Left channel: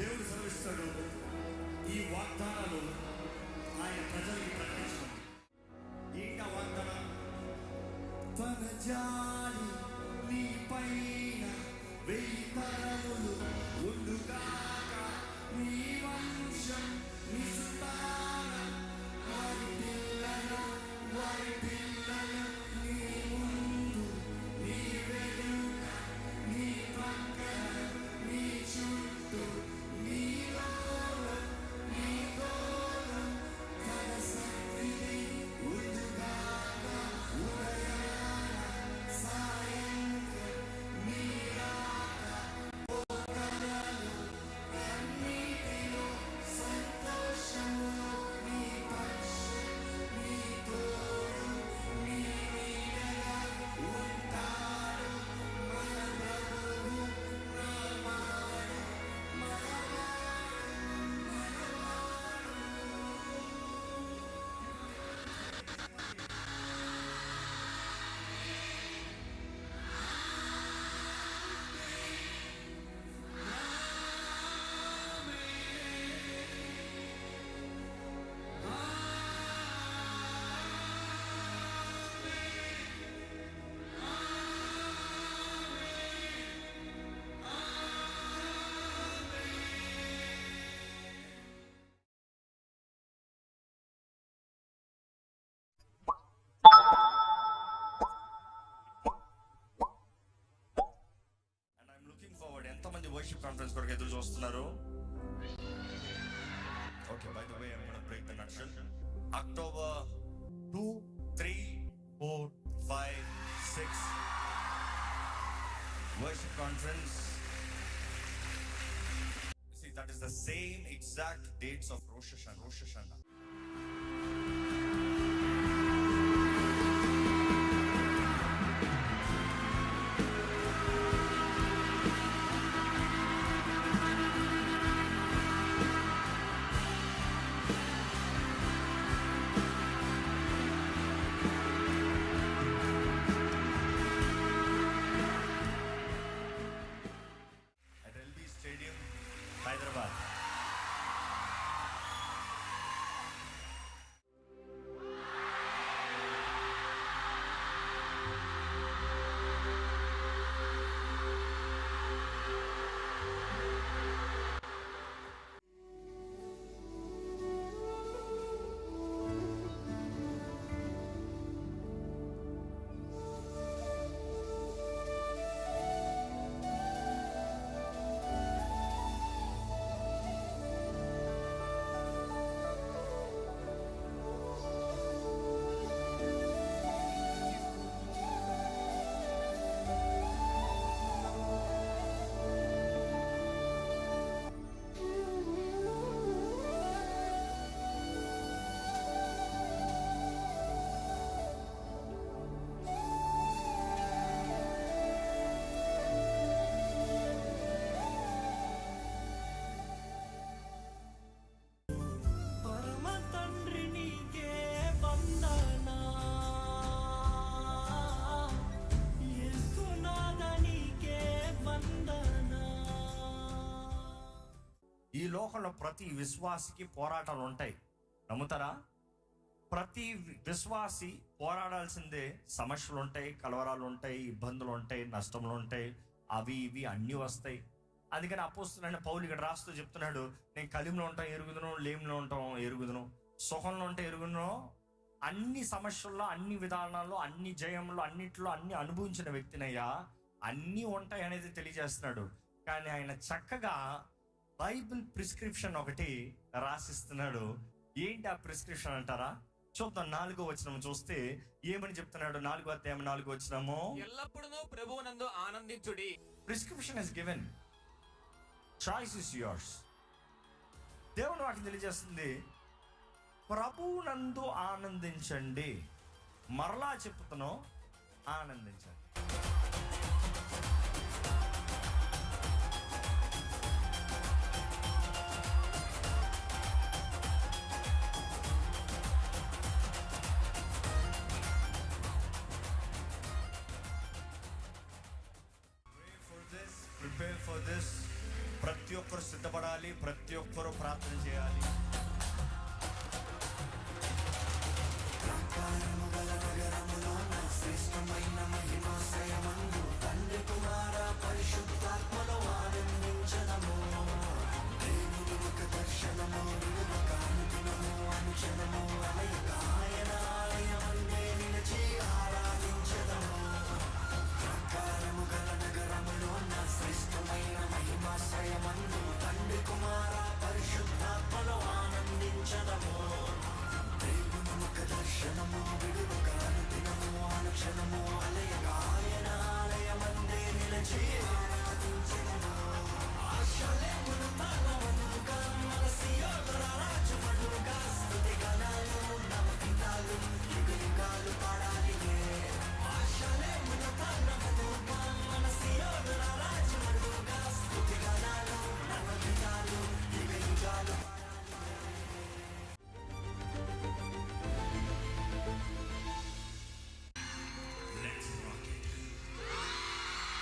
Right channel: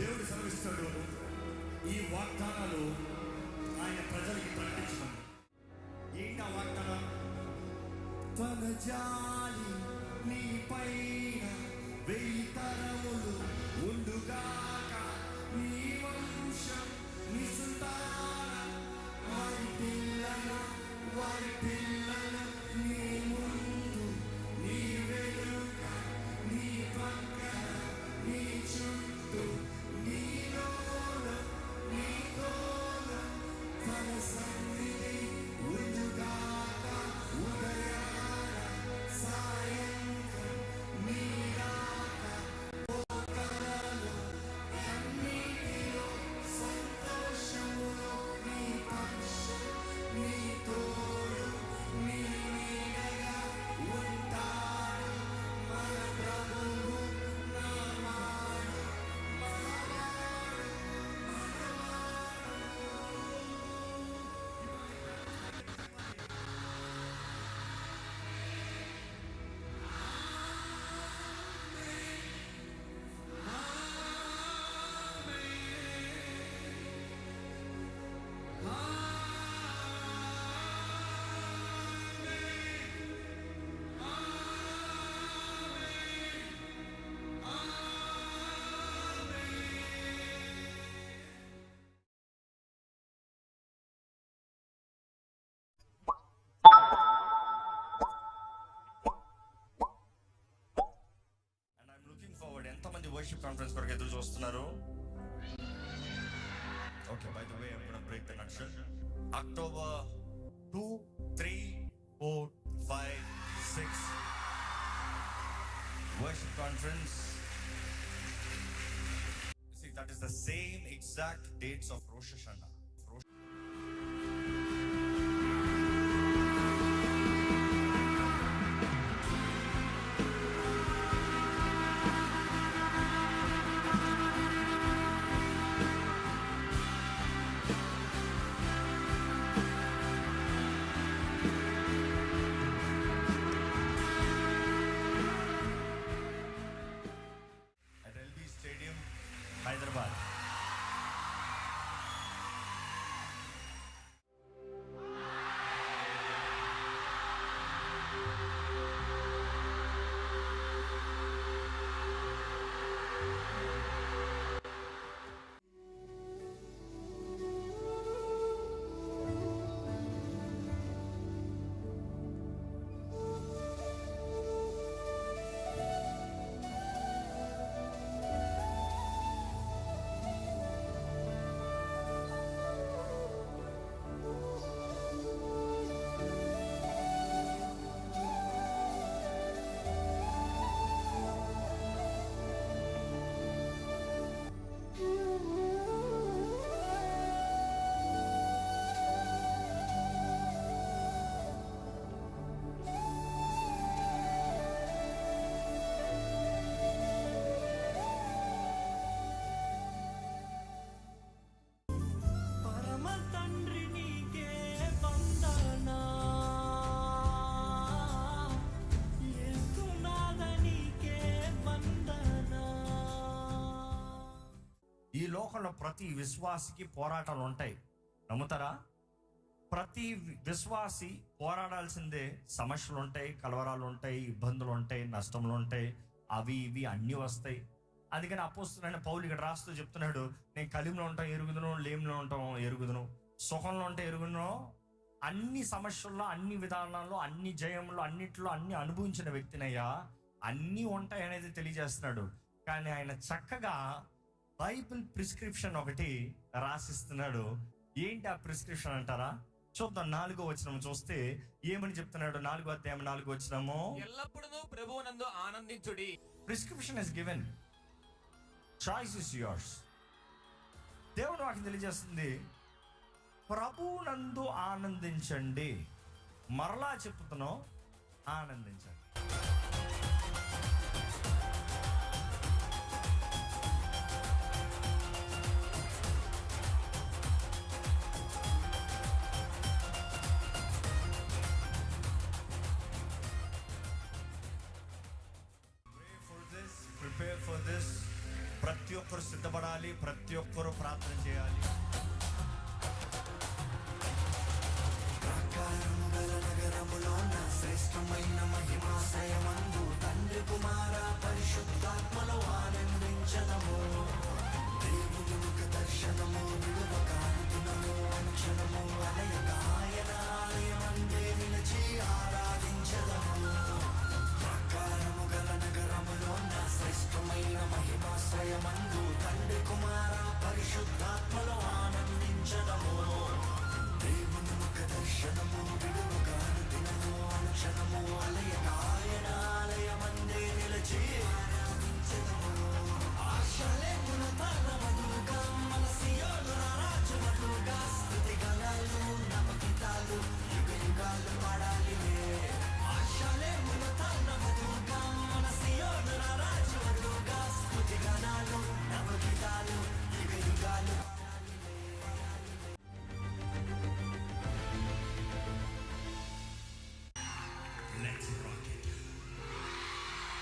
దేవుడు సెలవిస్తాడు, ఈ వాగ్దానాలు ఆయన ప్రజలకి ప్రకటించడం. ఏంటి ఆ వాగ్దానం? తన జాలి నీ పైన 1000 తరములు ఉండుగాక, నీ వంశం నీ సంతానం, వారి పిల్లలు నీ ముందు నీ వెనుక నీ పక్కన నీ చుట్టూ నీ దూరం నీ దూరం, తన సన్నిధి ఉండుగాక ఉదయాన సాయంత్రం నీ రాక పోకడలు అన్నిటిలో సంతోషములో నీ పక్షం నీ తోడు నీ నీడగా ఉంటాడు మన ప్రభువు నామాడు మనవాడు And I'm looking forward. ఎంతమంది వర్షిప్ కాన్ఫరెన్స్ కొరకు ఎదురు చూస్తున్నారు? Okay, by the way, I'm going to break the nutshell. October 2, 3, 4, 5, 6 worship conference. See, that is the same exact dates of Rosh Hashanah. At LB Stadium, Hyderabad. పరమ తండ్రి నీకే వందనా, యేసునాథ నీకే వందనా. ఈ లోకంలో ప్రతి విశ్వాసికి పోరాటాలు ఉంటాయి, నమ్ముతారా? ప్రతి విశ్వాసి పోరాడాల్సిందే. సమస్యలు ఉంటాయి, కలవరాలు ఉంటాయి, ఇబ్బందులు ఉంటాయి, నష్టములు ఉంటాయి, అవి ఇవి అన్నీ వస్తాయి. అందుకని అపోస్తలుడైన పౌలు ఇక్కడ రాస్తూ చెప్తున్నాడు, నేను కలిమిలో ఉంటాం ఎరుగుదును, లేమిలో ఉంటాం ఎరుగుదును, సుఖంలో ఉంటే ఎరుగుదును. అన్ని సమస్యల్లో, అన్ని విధానాల్లో, అన్ని జయంలో, అన్నిట్లో అన్ని అనుభవించిన వ్యక్తినయ్యా, అన్నీ ఉంటాయి అనేది తెలియజేస్తున్నాడు. కానీ ఆయన చక్కగా బైబిల్ ప్రిస్క్రిప్షన్ ఒకటి రాసిస్తున్నాడు. ఏంటి ఆ ప్రిస్క్రిప్షన్ అంటారా? చూద్దాం. 4వ వచనం చూస్తే ఏమని చెప్తున్నాడు? 4వ అధ్యాయం 4వ వచనము, ఎల్లప్పుడూ ప్రభువునందు ఆనందించుడి. Prescription is given, choice is yours. దేవుడు వాకి తెలియజేస్తుంది, ప్రభువునందు ఆనందించండి. మరలా చెప్తున్నాం, ఆనందించండి. ప్రతి ఒక్కరు సిద్ధపడాలి, ప్రతి ఒక్కరు ప్రార్థన చేయాలి.